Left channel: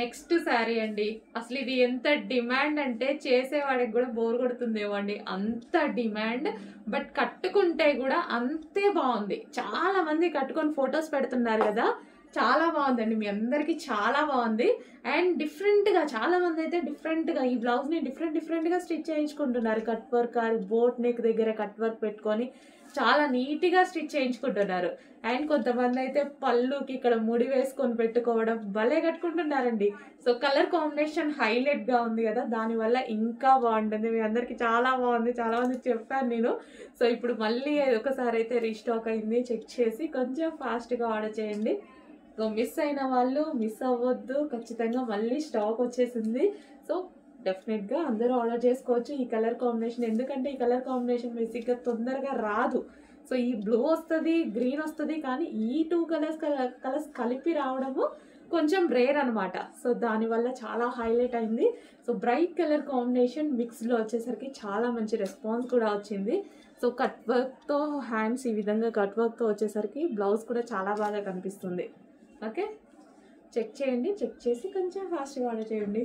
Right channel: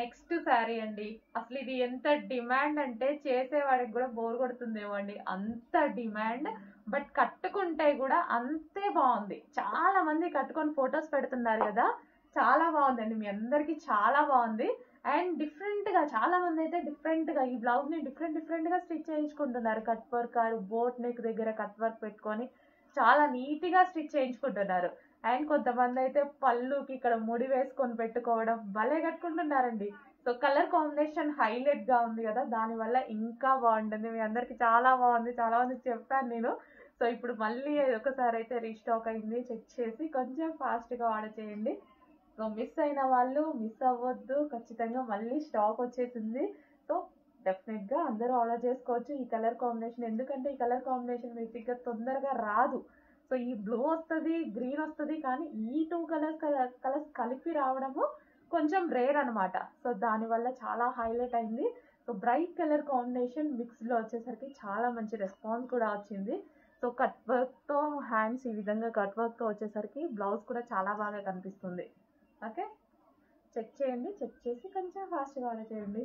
Next sari అండి. అసలు ఇది ఎంత డిమాండ్ అంటే చేసేవాడికి కూడా బోర్ కొడుతుందేమో అండి, అంత డిమాండ్. బట్ కట్టుకుంటే కూడా అంతే బాగుంది. చాలా మంది కట్టుకొని ఫొటోస్ పెడుతున్నారు కదా, చాలా బాగుందండి. మీ అందరికీ చాలా బాగుంది. అండ్ డిఫరెంట్గా చాలా మంది అయితే డిఫరెంట్గా ఈ బ్లౌజ్ని డిఫరెంట్గా స్టిచ్ చేయించుకుంటున్నారు. Cut work or boat neck దగ్గర కట్ వర్క్ పెట్టుకొని చాలా నీట్గా స్టిచ్ చేయించుకుంటున్నారు. అండ్ కొంతమంది అయితే పళ్ళుకి ఇక్కడ ముడి వేసుకొని పెట్టుకోవడం భలే కట్టుకుంటున్నారండి. సో కలర్ కాంబినేషన్ హైలైట్గా ఉంది కదా, దానివల్ల ఇంకా బాగుంటుంది. మీ అందరికీ చాలా బాగుంది, చాలా మందికి చెప్పాను నేను. సో ఇప్పుడు మళ్ళీ ఒకసారి అయితే రీస్టాక్ అయింది, చెక్ చేసి కొంచెం ఫాస్ట్గా ఆర్డర్ చేయండి. సో మిస్ అయిన వాళ్ళు మిస్ అవ్వద్దు, ఖచ్చితంగా మళ్ళీ స్టాక్ వచ్చేసింది. సో డెఫినెట్గా అందరూ ఆర్డర్ చేసుకోవచ్చు ఈ కలర్ కాంబినేషన్. ఎందుకంటే ఈ కలర్ కాంబినేషన్ బేసిక్గా తొందరగా రాదు. సో ఈ బ్లూ వస్తుంది, గ్రీన్ వస్తుంది, కానీ ఈ టూ కలర్స్ కలిపి రావడము కొంచెం రేర్ అనమాట. సో దానివల్ల చాలా హైలైట్ అయింది. సో బ్రైట్ కలర్ కాంబినేషన్ మిక్స్లో వచ్చేసరికి చాలా మంచి రెస్పాన్స్ కూడా వచ్చింది. సో కట్ వర్క్తో హ్యాండ్స్ ఈ విధంగా కట్ వర్క్తో వచ్చేసరికి బ్లౌజ్ కూడా చాలా బాగా కనిపిస్తుంది. ఓకే, చెక్ చేయండి, చెక్ చేసి కొంచెం ఫాస్ట్గా ఆర్డర్ చేయండి.